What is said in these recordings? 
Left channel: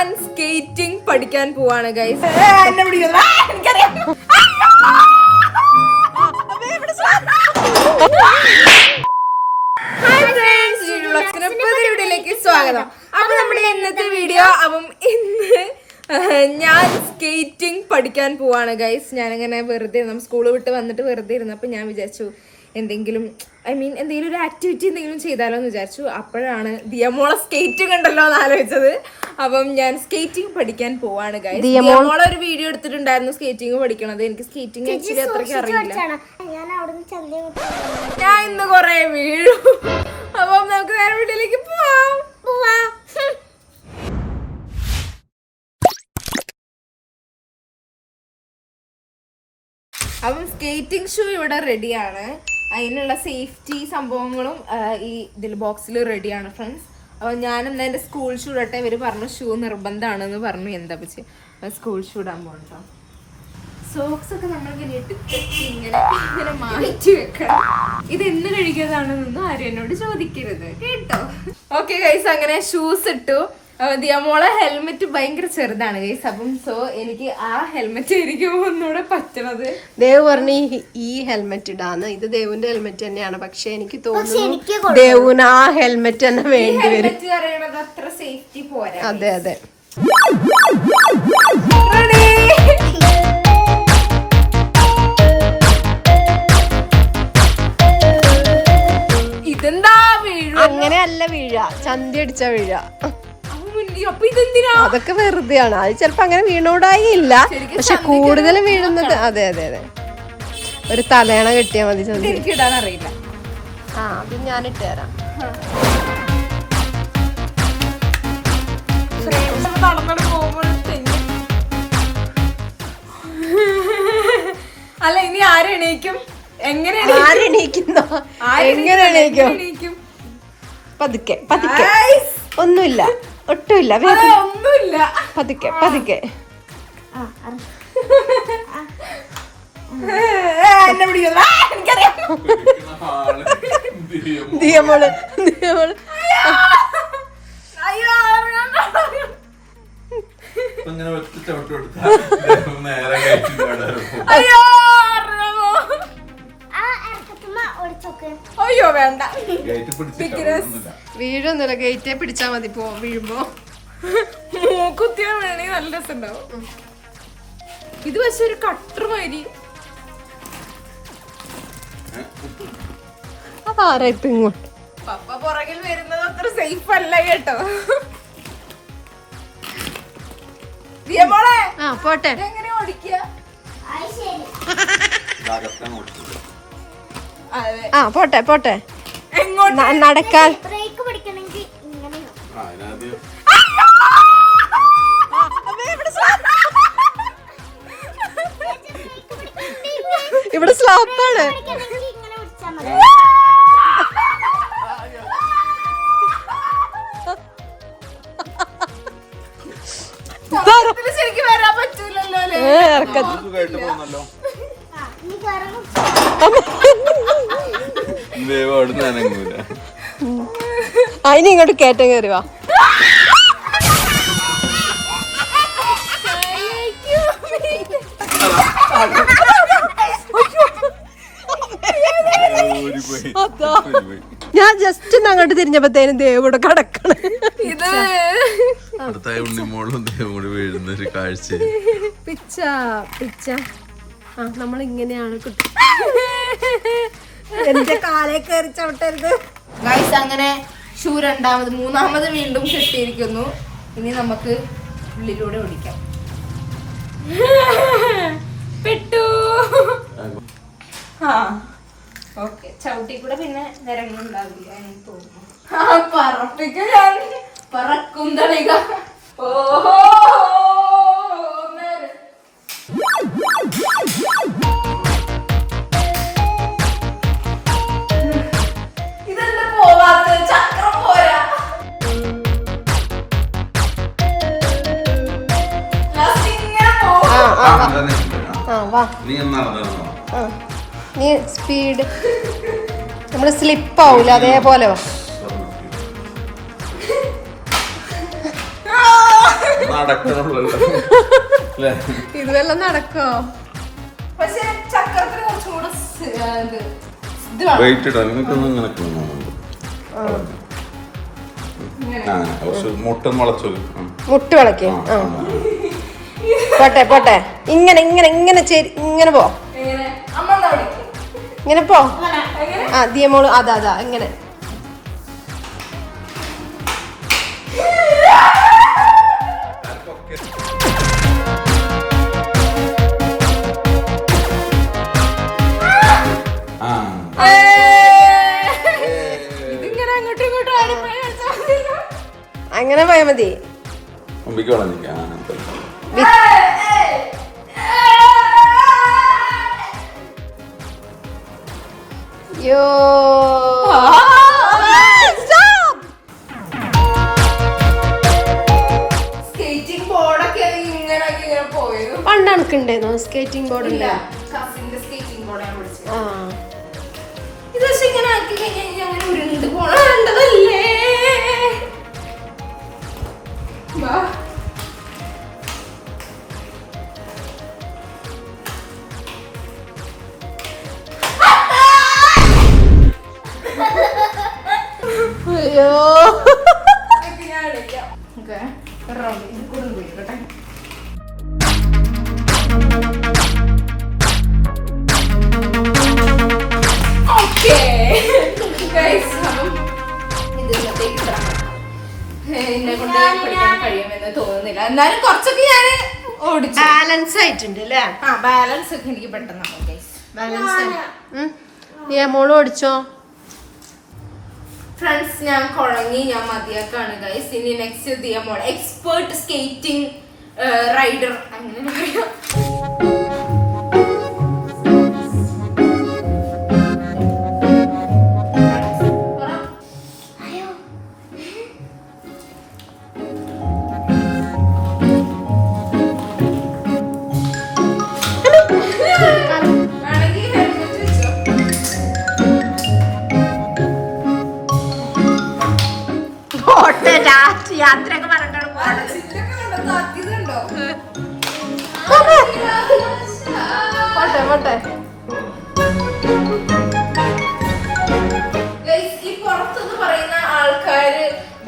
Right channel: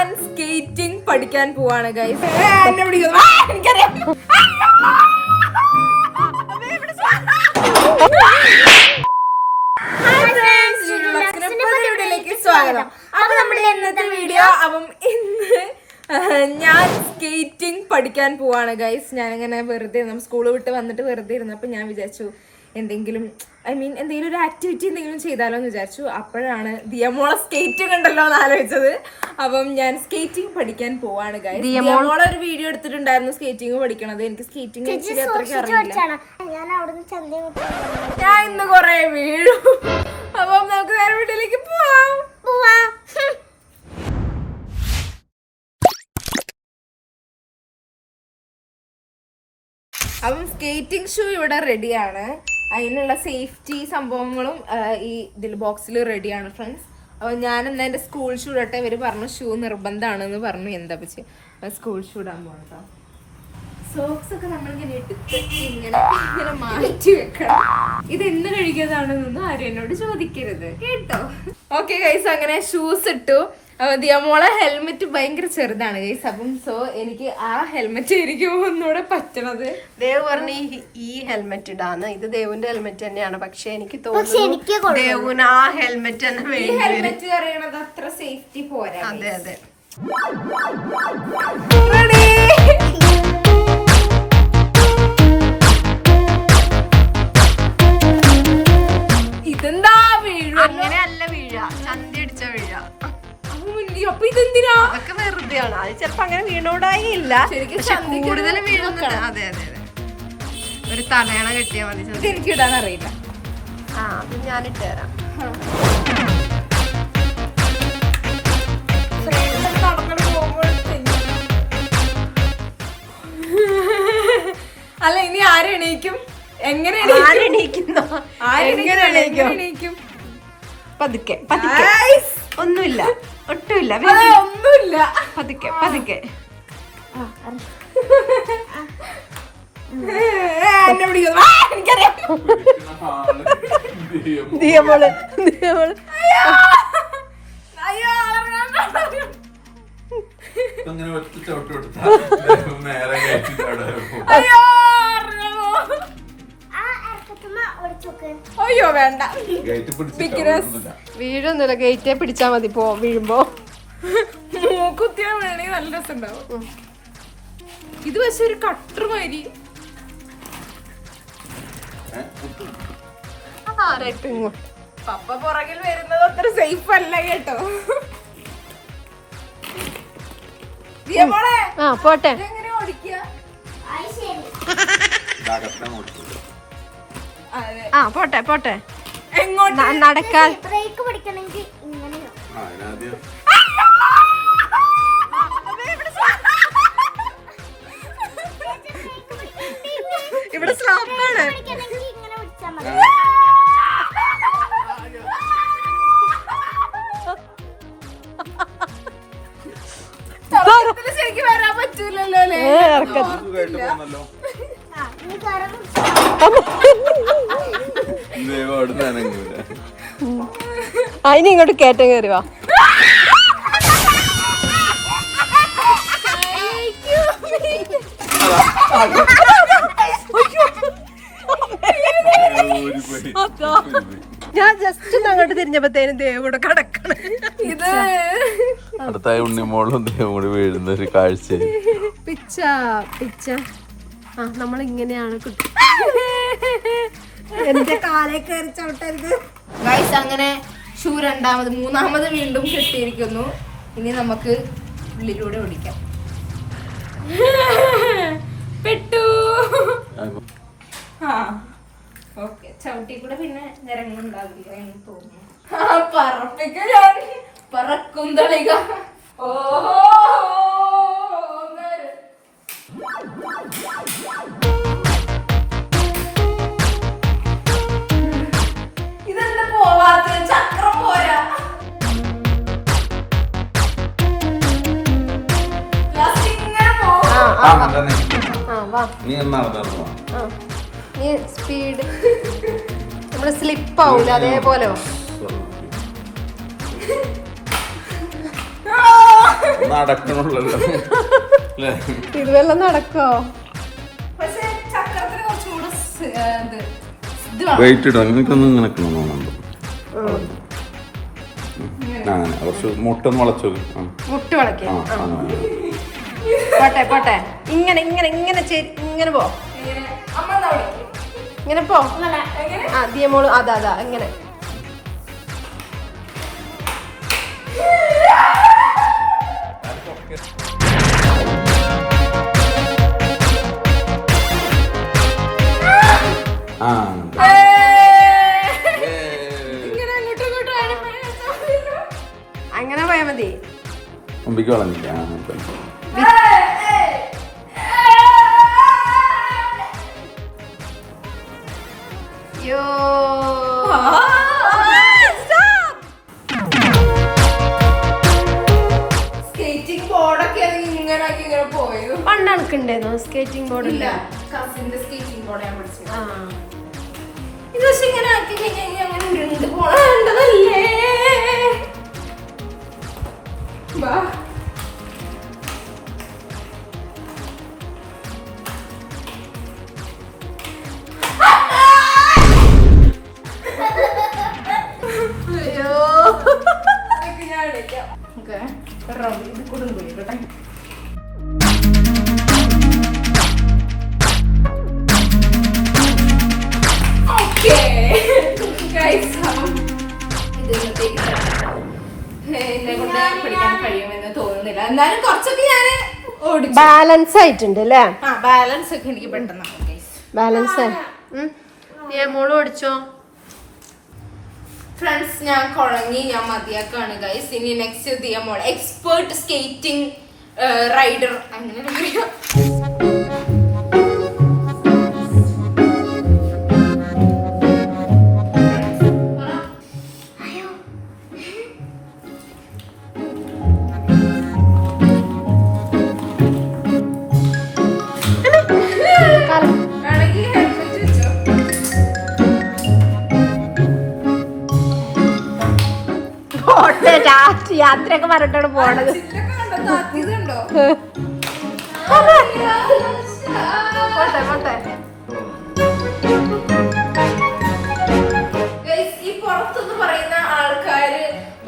ഞാൻ സ്കേറ്റിംഗ് പഠിക്കാൻ പോവാണ് ഗൈസ് സ്വാഗതം. അപ്പൊ നമ്മുടെ ഇന്നത്തെ വീഡിയോ അപ്പം ഇന്ന് ഞാൻ സ്കേറ്റിംഗ് പഠിക്കാൻ പോവാണ് ഗൈസ് ഞാനിങ്ങനെ വെറുതെ നമ്മൾ സ്കൂൾ വിട്ട് വന്നിട്ട് വെറുതെ ഇരുന്നപ്പോൾ ഞാൻ വിചാരിച്ചു എന്തെങ്കിലും ഐ മീൻ എന്തെങ്കിലും ഒരു ആക്ടിവിറ്റി എന്തെങ്കിലും ചെയ്താലോ എന്ന് വിചാരിച്ചു. അപ്പോഴാണ് ദിയമോളെ സ്കേറ്റിംഗ് ഉണ്ടല്ലോ എന്ന് ആലോചിച്ചത്. അപ്പം ഞാൻ സ്കേറ്റിംഗ് പഠിക്കാൻ പോവാണ് ഗൈസ് ഒരു വീഡിയോ എടുത്തിട്ടുണ്ടായിരുന്നു സ്കേറ്റിംഗ് പഠിക്കണത്. എനിക്ക് സ്കേറ്റിംഗ് ആക്ച്വലി അത്രയ്ക്ക് അറിയില്ല. ഞാൻ അവിടുന്ന് ചന്ത ഞാൻ ഇന്ന് കൊറേ വീഴും. അപ്പം നമുക്ക് വേറെ വീട്ടിലേക്ക് പോവാം. പോവാം. അപ്പം സ്കേറ്റിംഗ് ഷൂ ഇവിടെ റെഡിയാണ് അതിനുള്ള സേഫ്റ്റി സംഭവങ്ങളും ഈ ഇതിൽ ബോക്സിൽ റെഡിയാണ് ഫ്രണ്ട്സ് അപ്പോൾ ഞാൻ എന്റെ സ്കൂൾ ഷൂ ഇടട്ടെ ഇവർ പറഞ്ഞു ഷൂ നിർബന്ധമാണെന്ന് പറഞ്ഞു. എന്താ പറ്റി സ്കൂൾ ഷൂ ഇടാൻ പോകട്ടോ സോക്സ് ഒക്കെ നമ്മളിങ്ങനെ ഇങ്ങനെ ഇങ്ങനെ മാറ്റി വെക്കണം. ഇത് എന്ന് കഴിക്കുന്നതാണെന്നൊന്നും ആരും എന്നോട് ചോദിക്കരുത്. കേട്ടോ? ഓക്കെ ഗൈസ് അങ്ങനെ ഷൂസ് ഇട്ടു. അപ്പൊ ദിയമോളെ ഹെൽമെറ്റ് ഭയങ്കര ചെറുതാണ് ഗൈസ് അപ്പം സോ എനിക്ക് ആ ഹെൽമെറ്റ് ആയിരിക്കും ഒന്നുകൂടെ പറ്റണത്. ദേവ് പറഞ്ഞു ഈ- ഹെൽമെറ്റ് ഇടാന്ന്. ഇത് ദേവിന്റെ ഹെൽമെറ്റ് തന്നെയാണ്. പക്ഷെ എനിക്ക് തോന്നുന്നു ദേവുന് ആ ഹെൽമെറ്റ് തന്നെ വേണ്ടി ഹെൽമെറ്റ് അറിയണത് അത്ര സേഫ്റ്റി പോരാ അതെ അതെ. ഇതെന്താ വീഴ അങ്ങനെ അല്ല വീഴ ചന്തി അടിച്ച വീഴ അപ്പൊ ഇതെന്തിനാ? അതൊക്കെ വെറുതെയാണ്. അത് ചിലപ്പോ അങ്ങനെ വീണോടായി ഇല്ല ശരിക്കും പക്ഷെ കൂടുതൽ വീഴുന്നത് അതെ അതെ അതെ. ഒരു തലയണ കിട്ടിയാൽ മതി എനിക്ക് ഇടാൻ അറിയില്ല ആ അത് ഞാൻ ഇട്ട് തരാം. അല്ല ഇനി ആരെണീക്കും എങ്ങനെ എങ്ങനെ? പതുക്കെ പതുക്കെ. ഒന്നുമില്ല. ഒട്ടുമില്ല. ഒന്നുമില്ല. പതുക്കെ പതുക്കെ. ദിയമോൾ ദിയമോൾ. ഇങ്ങനെ ഒറ്റ ചവിട്ട് കൊടുത്താൽ നേരെ വരെ അയ്യോ വേണ്ട. ഗേറ്റ് ഒന്നുമില്ല. വീഴൊന്നുമില്ല ഗേറ്റേ പിടിച്ചാൽ മതി പോ വീഴുമ്പോ. മൂക്കുത്തിയാ വേണമെങ്കിൽ നല്ല രസമുണ്ടാവും. ഇത് പക്ഷെ ഒരു കട്ടർ മാതിരി? പപ്പ പുറകിൽ വരുന്നത് അത്ര സേഫ് അല്ല കേട്ടോ. ദിയമോളെ ആ പോട്ടെ. എങ്ങനെ ഓടിക്കുക. ആ പോട്ടെ പോട്ടെ. നടക്കാൻ. ബ്രേക്ക് പിടിക്കണമെങ്കിൽ ഇങ്ങനെയോ. ആ, അതിനാദ്യം ഇവിടെ സ്ലാപ്പാണ് ശരിക്കും വരാൻ പറ്റൂലല്ലോ അല്ലേ ഏ ഇറക്കത്തി സുഖമായിട്ട് പോകുന്നല്ലോ ആ, ഇനി കയറുന്നു ദൈവം അവിടെ നിന്ന് അനങ്ങൂല അതിന് ഇങ്ങോട്ട് കയറ്റം കയറി വാ. അതാ. ഞാൻ ജസ്റ്റ് അങ്ങോട്ട് തിരിഞ്ഞപ്പോഴത്തേനും ദേവോട് കടക്കണ കിടക്കണ. ഇത് അടുത്തായി ഉണ്ണിമോളും ദേവോട് വീഴുന്ന ഒരു കാഴ്ച പിച്ച പിച്ച. ആ നമ്മൾ ഇങ്ങനെയാണ് കുട്ടി. എന്റെ കാലേ കയറി ചവിട്ടരുത്. ഗൈസ് അങ്ങനെ ഷൂ രണ്ടാമത് മൂന്നാമത് വീണ്ടും കെട്ടിയിരിക്കുന്നു. ഇനി നമുക്ക് ഉള്ളിലൂടെ ഓടിക്കാം. പെട്ടു. ആ ഓക്കെ. ചവിട്ടി കൂടെ പിന്നെ നിരങ്ങുണ്ടാവില്ല എന്ന് തോന്നുന്നു. പറപ്പിക്കും പറക്കും തളിക. ഓഹോ. നീ നീ സ്പീഡ് നമ്മൾ സ്ലിപ്പ് ആവൂല അതേപോലെ അല്ലേ? നടക്കോ? വെയിറ്റ് ഇടും എനിക്കൊന്നും മുട്ട മുളച്ചത് മുട്ട് വിളക്ക് ആ പോട്ടെ പോട്ടെ. ഇങ്ങനെ ഇങ്ങനെ ഇങ്ങനെ ചേരി ഇങ്ങനെ പോ? ഇങ്ങനെ പോ? ആ ദിയമോൾ അതാ അതാ ഇങ്ങനെ. അങ്ങനെ പോയാ മതി. യോ സ്കേറ്റിംഗ് ബോർഡൊക്കെ ഇങ്ങനെ ആക്കി ഇങ്ങനെ പോയത്. പണ്ട് എനക്കുണ്ടായിരുന്നു സ്കേറ്റിംഗ് ബോർഡ് ഇല്ല കസിന്റെ സ്കേറ്റിംഗ് ബോർഡ് ഞാൻ പഠിച്ചത്. ആ. ഇത് പക്ഷെ ഇങ്ങനെ ആക്കി കഴിഞ്ഞാൽ അങ്ങനെ ഉരുണ്ട് പോണതല്ലേ വാ എന്നെ കൊണ്ട് കഴിയുമെന്ന് തോന്നുന്നില്ല. എന്നാലും കുറച്ചൊക്കെ ഞാൻ ഓടിച്ചു. ബാലൻസ് ആയിട്ടുണ്ട് അല്ലേ ആ ബാലൻസ് ഒക്കെ എനിക്ക് പെട്ടെന്ന് ബാലൻസ് ബാലൻസ് മോൾ ഓടിച്ചോ? ഫ്രണ്ട്സ് ഞാൻ കുഴങ്ങി ഞാൻ മതിയാക്കാണ് ഗൈസ് ഇനി നെക്സ്റ്റ് ദിയമോൾ എക്സ്പേർട്ട് സ്കേറ്റിംഗ് റൈഡർ അങ്ങനെ പറയാം.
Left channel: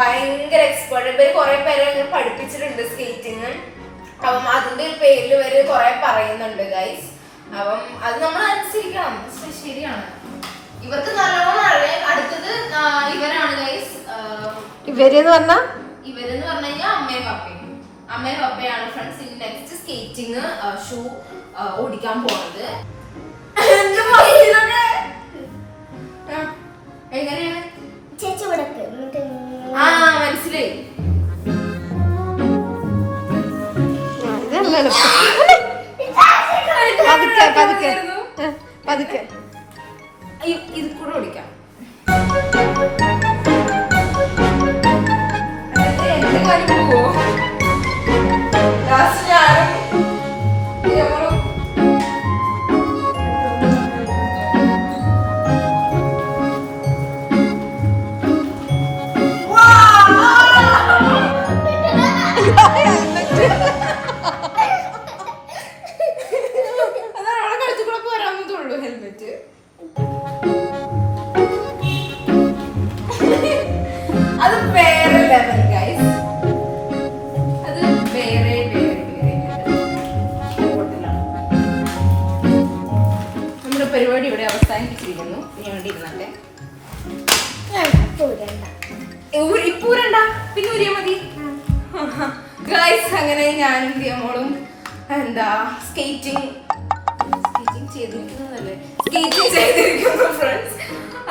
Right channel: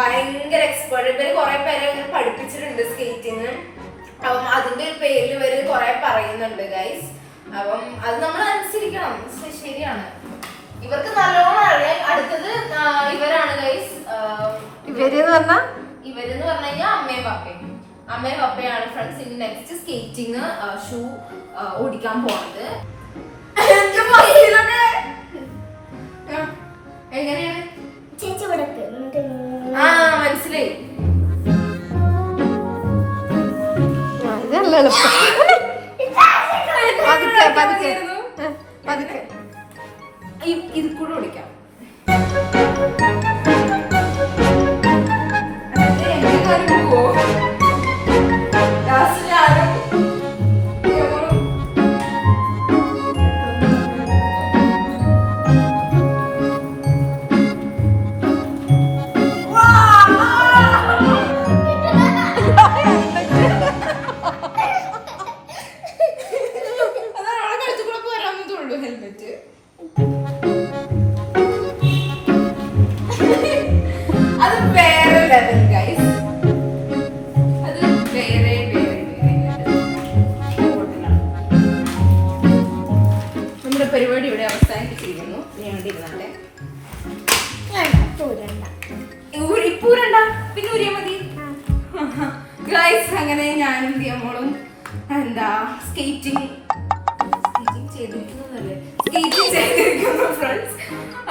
ഭയങ്കര എക്സ്പേർട്ട് ഇവർ കുറെ പേരെ പഠിപ്പിച്ചിട്ടുണ്ട് സ്കേറ്റിംഗ് അപ്പം അതിന്റെ ഒരു പേരിൽ ഇവർ കുറെ പറയുന്നുണ്ട് ഗൈസ് അപ്പം അത് നമ്മൾ അനുസരിക്കണം. ശരിയാണ്. ഇവർക്ക് നല്ലോണം അറിയാം. അടുത്തത് ഇവരാണ് ഗൈസ് ഇവരെന്ന് പറഞ്ഞാ? ഇവരെന്ന് പറഞ്ഞു കഴിഞ്ഞാൽ അമ്മയും പപ്പയും. അമ്മയും പപ്പയാണ് ഫ്രണ്ട്സ് ഇനി നെക്സ്റ്റ് സ്കേറ്റിംഗ് ഷൂ ഓടിക്കാൻ പോണത്. എങ്ങനെയാണ് എളുപ്പം പതുക്കെ. പതുക്കെ. പതുക്കെ ഇത് കൂടെ ഓടിക്കാം എന്റെ കാര്യം പോവോ ലാസ്റ്റ് പരിപാടി ഇവിടെ അവസാനിപ്പിച്ചിരിക്കുന്നു. ഞാൻ ഇവിടെ ഇരുന്നല്ലേ പോരണ്ട ഊ- ഇപ്പൊ ഊരണ്ട പിന്നെ ഊരിയാ മതി. ഗൈസ് അങ്ങനെ ഞാനും ദിയമോളും എന്താ സ്കേറ്റിംഗ് സ്കേറ്റിംഗ് ചെയ്തിരിക്കുന്നതല്ലേ? സ്കേറ്റിംഗ് ചെയ്തിരിക്കുന്നു ഫ്രണ്ട്സ്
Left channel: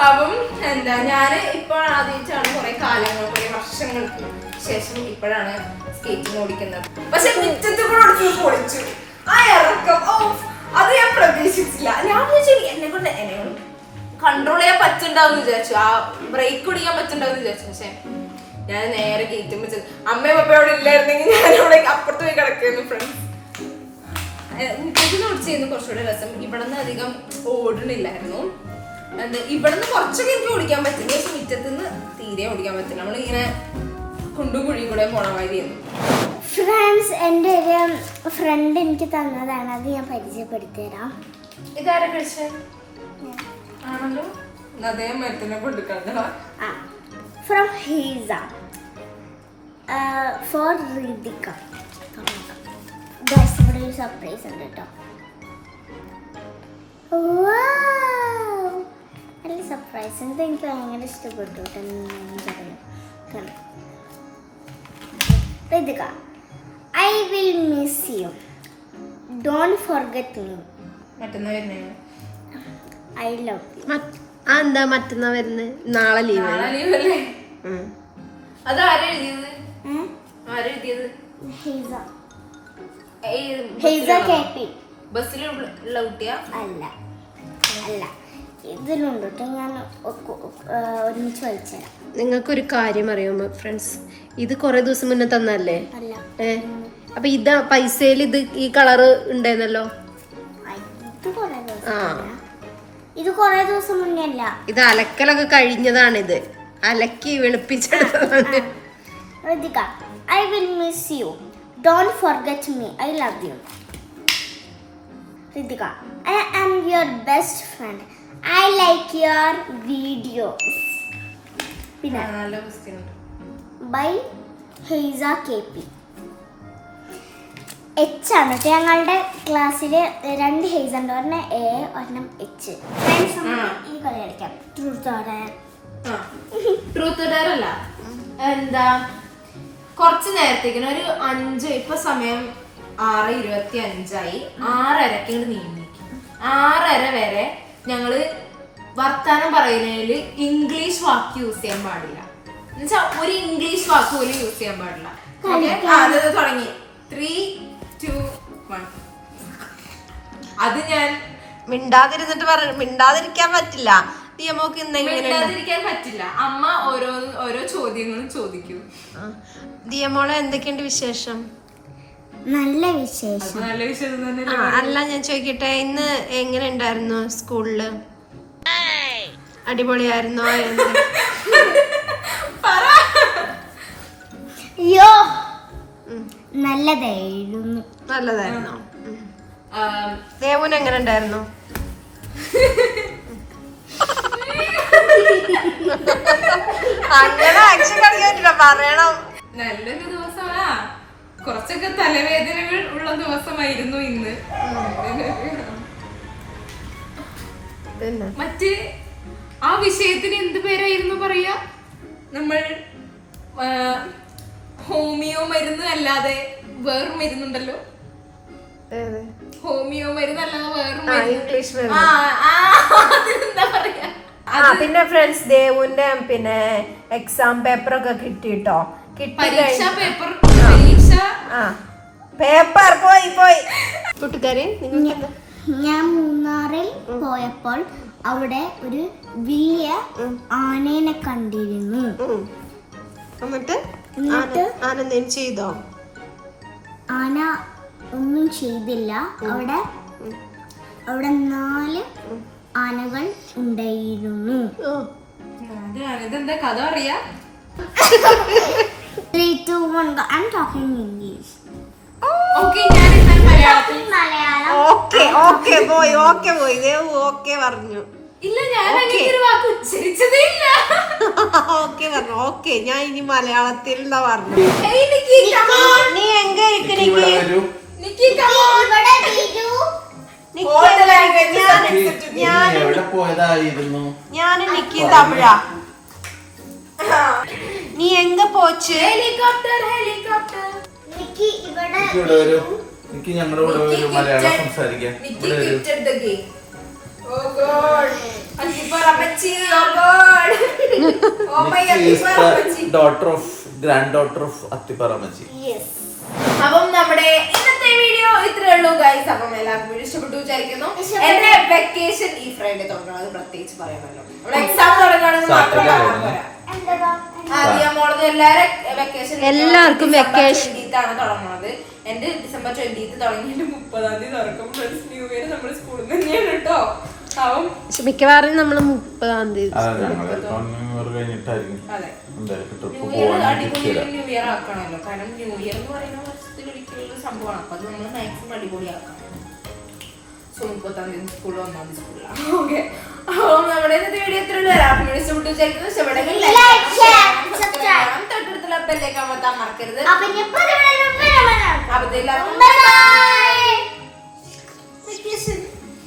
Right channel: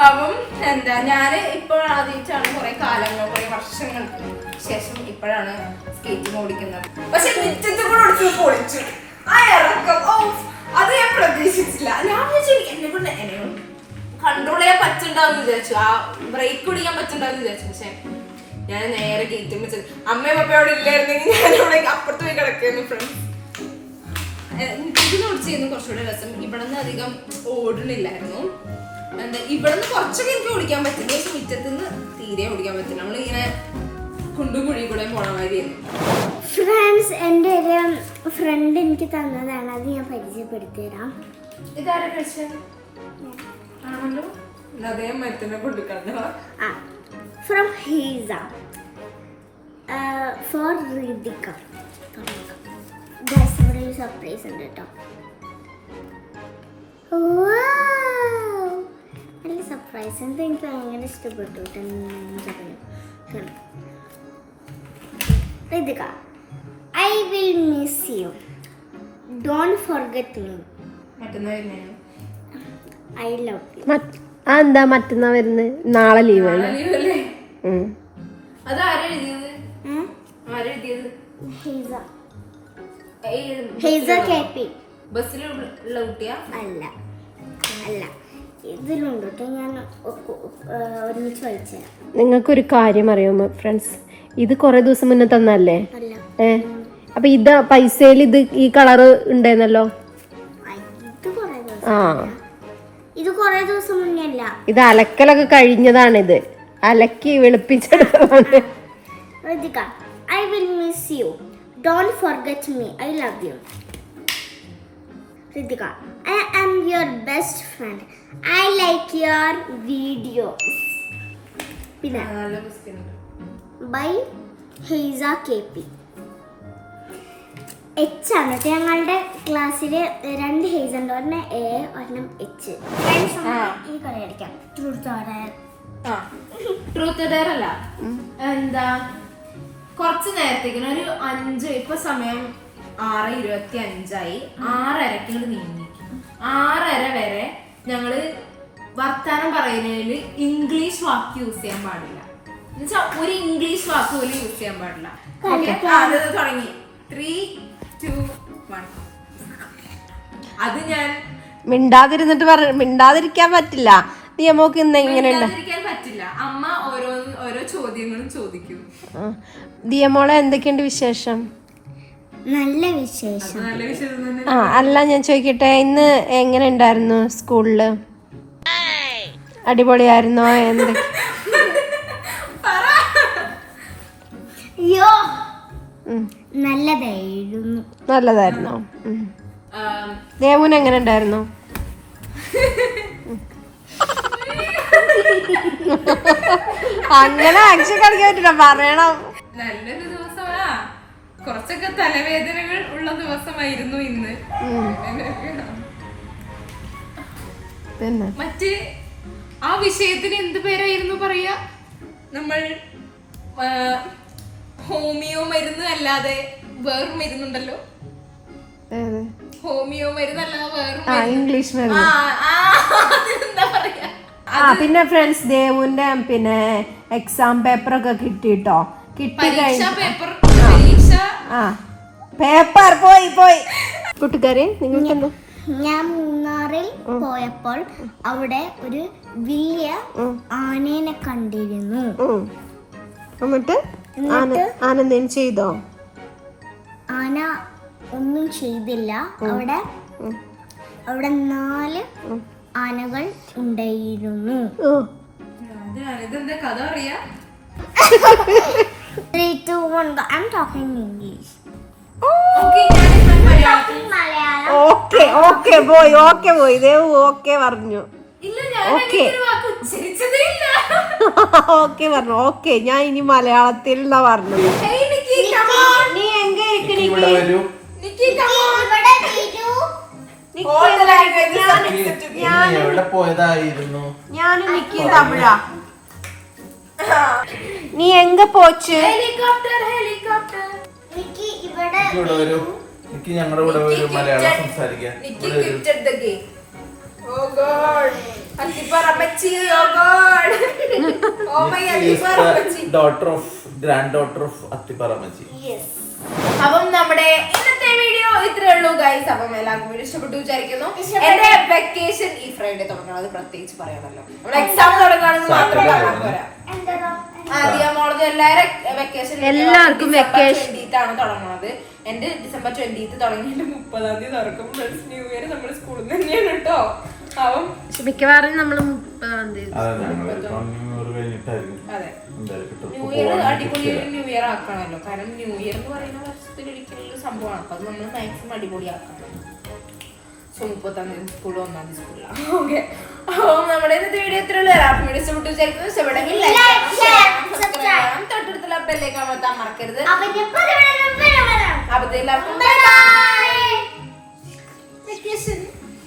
അപ്പം എന്താ ഞാൻ ഇപ്പോൾ ആദ്യമായിട്ടാണ് കുറെ കാലങ്ങൾ കുറെ വർഷങ്ങൾക്ക് ശേഷം ഇപ്പോഴാണ് സ്കേറ്റിംഗ് ഓടിക്കുന്നത്. പക്ഷെ മിറ്റത്ത് കൂടെ ഓടിച്ചു പൊളിച്ചു. ആ ഓ അത് ഞാൻ പ്രതീക്ഷിച്ചില്ല ഞാൻ കൊണ്ട് എന്നെ കൊണ്ട് കൺട്രോൾ ചെയ്യാൻ പറ്റുണ്ടാവും വിചാരിച്ചു. ആ ബ്രേക്ക് കുടിക്കാൻ പറ്റുണ്ടാവും വിചാരിച്ചു. പക്ഷെ ഞാൻ നേരെ ഗേറ്റും വെച്ചത്. അമ്മയും പപ്പയും അവിടെ ഇല്ലായിരുന്നെങ്കിൽ ഞാൻ അവിടെ അപ്പുറത്ത് പോയി കിടക്കുന്നു ഫ്രണ്ട്സ് ഇതിന് ഓടിച്ച് ചെയ്യുന്ന കുറച്ചുകൂടെ രസം. ഇവിടെ നിന്ന് അധികം ഓടണില്ലായിരുന്നു എന്താ ഇവിടെ നിന്ന് കുറച്ചൊക്കെ എനിക്ക് ഓടിക്കാൻ പറ്റില്ല പക്ഷെ മുറ്റത്തുനിന്ന് തീരെ ഓടിക്കാൻ പറ്റില്ല. നമ്മളിങ്ങനെ കുണ്ടും കുഴിയും കൂടെ പോണ മാതിരിയായിരുന്നു ഫ്രണ്ട്സ് എന്റെ ഒരു ഫ്രണ്ട് എനിക്ക് തന്നതാണ്. അത് ഞാൻ പരിചയപ്പെടുത്തി തരാം ഇതാരൊക്കെ ആണല്ലോ. അതേ മരത്തിനെ കൊടുക്കണ്ട ആ ഫ്രം ഹീസ ഫോർ ഹൃതിക ഇവിടെ ഒരു സർപ്രൈസ് ഉണ്ട് കേട്ടോ. Wow! നല്ല സർപ്രൈസ് എന്താ എനിക്ക് ഭയങ്കര ഇഷ്ടപ്പെട്ടു കാണാം. Ridhika I will miss you don't forget me മറ്റന്നാ വരുന്നേ. ഐ ലവ് ആ എന്താ മറ്റന്നാ വരുന്നത് നാളെ ലീവ് അല്ല? അല്ല? ഇതിലുണ്ട് കേട്ടോ ഞാൻ ഒരുമിച്ച് നിങ്ങൾക്കൊരു കാര്യം അറിയാമോ ഫ്രണ്ട്സ്? ഇത് കൊറേ ദിവസം മുന്നേ തന്നല്ലേ അല്ല. ഏ? അപ്പൊ ഇത് പൈസയിൽ ഇത് ഈ കളറ് ഉണ്ടായിരുന്നല്ലോ ഇത് കുറേ ദിവസം ആ. ഇത് കുറേ ദിവസം മുന്നേ അല്ല. ഇത് അലക്കലൊക്കെ ഇത് അലക്കി വെളുപ്പിച്ചെടുത്തതാണ്. Ritika I will miss you don't forget me I love you Ritika I am your best friend I like your videos പിന്നെ ബൈ ഹെയ്സ കെ പി. എച്ച് ആണ്. കേട്ടോ ഞങ്ങളുടെ ക്ലാസ്സിൽ രണ്ട് ഹെയ്സ് ഉണ്ട്. ഒരെണ്ണം എ ഒരെണ്ണം എച്ച് ഈ കളി കളിക്കാം. ട്രൂത്ത് ട്രൂത്ത് ഡെയർ അല്ല എന്താ? കുറച്ച് നേരത്തേക്കിന് ഒരു അഞ്ച് ഇപ്പൊ സമയം ആറ് ഇരുപത്തി അഞ്ചായി ആറരക്ക് നീങ്ങി. ആറര വരെ ഞങ്ങൾ വർത്താനം പറയുന്നതിൽ ഇംഗ്ലീഷ് വാക്ക് യൂസ് ചെയ്യാൻ പാടില്ല. എന്നുവെച്ചാ ഒരു ഇംഗ്ലീഷ് വാക്ക് പോലും യൂസ് ചെയ്യാൻ പാടില്ല. തുടങ്ങി. ത്രീ ടു വൺ അത് ഞാൻ മിണ്ടാതിരുന്നിട്ട് പറ മിണ്ടാതിരിക്കാൻ പറ്റില്ല. നിയമമൊക്കെ ഇന്ന് എങ്ങനെ മിണ്ടാതിരിക്കാൻ പറ്റില്ല. അമ്മ ഓരോ ഓരോ ചോദ്യങ്ങളും ചോദിക്കും. ദിയമോളെ എന്തൊക്കെയുണ്ട് വിശേഷം? നല്ല വിശേഷം. നല്ല വിശേഷം തന്നെ ആ അല്ല? ഞാൻ ചോദിക്കട്ടെ ഇന്ന് എങ്ങനെ ഉണ്ടായിരുന്നു സ്കൂളിൽ? അടിപൊളിയായിരുന്നോ? എന്ത്? അയ്യോ ഉം. നല്ലതായിരുന്നു. നല്ലതായിരുന്നു. ദേവുന് എങ്ങനെ ഉണ്ടായിരുന്നു? അങ്ങനെ ആക്ഷൻ കളിക്കാറ്റില്ല പറയണം. നല്ലൊരു ദിവസമാ. കുറച്ചൊക്കെ തലവേദനകൾ ഉള്ള ദിവസമായിരുന്നു ഇന്ന്. പിന്നെ? മറ്റ് ആ വിഷയത്തിന് എന്ത് പേരായിരുന്നു പറയാ? നമ്മൾ ഹോമിയോ മരുന്ന് അല്ലാതെ വേറൊരു മരുന്നുണ്ടല്ലോ? ഹോമിയോ മരുന്ന് അല്ലാതെ വേറൊരു ആ ഇംഗ്ലീഷ് മരുന്ന്. ആ അതിനെന്താ പറയാ? ആ പിന്നെ ഫ്രണ്ട്സ് ദേവുന്റെ പിന്നെ എക്സാം പേപ്പർ ഒക്കെ കിട്ടിട്ടോ? കിട്ടി പേപ്പർ പരീക്ഷ ആ. പേപ്പർ പോയി പോയി. കൂട്ടുകാരെ ഞാൻ മൂന്നാറിൽ പോയപ്പോൾ അവിടെ ഒരു വലിയ ആനേനെ കണ്ടിരുന്നു. എന്നിട്ട്? എന്നിട്ട് ആന- ആന എന്തെങ്കിലും ചെയ്തോ? ആന ഒന്നും ചെയ്തില്ല. അവിടെ അവിടെ നാല് ആനകൾ ഉണ്ടായിരുന്നു. കഥ അറിയാ three two one I'm talking English okay പോയി ഓക്കെ പോയി ദേവു ഓക്കെ പറഞ്ഞു. ഇല്ല ഞാൻ ഒരു വാക്ക് ഇല്ല ഓക്കെ പറഞ്ഞു. ഓക്കെ ഞാൻ ഇനി മലയാളത്തിൽ എന്നാ പറഞ്ഞു. നീ എങ്ക നിക്കി തമിഴാ. നീ എങ്ക പോച്ച്? ഹെലികോപ്റ്റർ ഹെലികോപ്റ്റർ ഇവിടെ വരൂ. ഞങ്ങളുടെ കൂടെ വരൂ. മലയാളം സംസാരിക്കാൻ നിക്കി God. Antiparapachchi, daughter of granddaughter of അത്തിപ്പറമച്ചി yes അപ്പം നമ്മുടെ ഇന്നത്തെ വീഡിയോ ഇത്രേ ഉള്ളൂ ഗൈസ് അപ്പം എല്ലാവർക്കും വീഡിയോ ഇഷ്ടപ്പെട്ടു വിചാരിക്കുന്നു. എന്റെ വെക്കേഷൻ ഈ ഫ്രൈഡേ തുടങ്ങണം. അത് പ്രത്യേകിച്ച് പറയാമല്ലോ നമ്മൾ എക്സാം തുടങ്ങുകയാണെങ്കിൽ മാത്രം എല്ലാവർക്കും വെക്കേഷൻ ആണ്. എല്ലാവർക്കും വെക്കേഷൻ തുടങ്ങുന്നത് എന്റെ ഡിസംബർ ട്വന്റീത്ത് തുടങ്ങിയിട്ട് മുപ്പതാം തീയതി തുറക്കും പ്ലസ് ന്യൂ ഇയർ നമ്മൾ സ്കൂളിൽ നിന്ന് തന്നെയാണ് കേട്ടോ. മിക്കവാറും നമ്മൾ മുപ്പതാം തീയതി ന്യൂ ഇയർ കാരണം ന്യൂ ഇയർ എന്ന് പറയുന്ന സോ ഇന്നത്തെ വീഡിയോ സബ്സ്ക്രൈബ് മറക്കരുത്.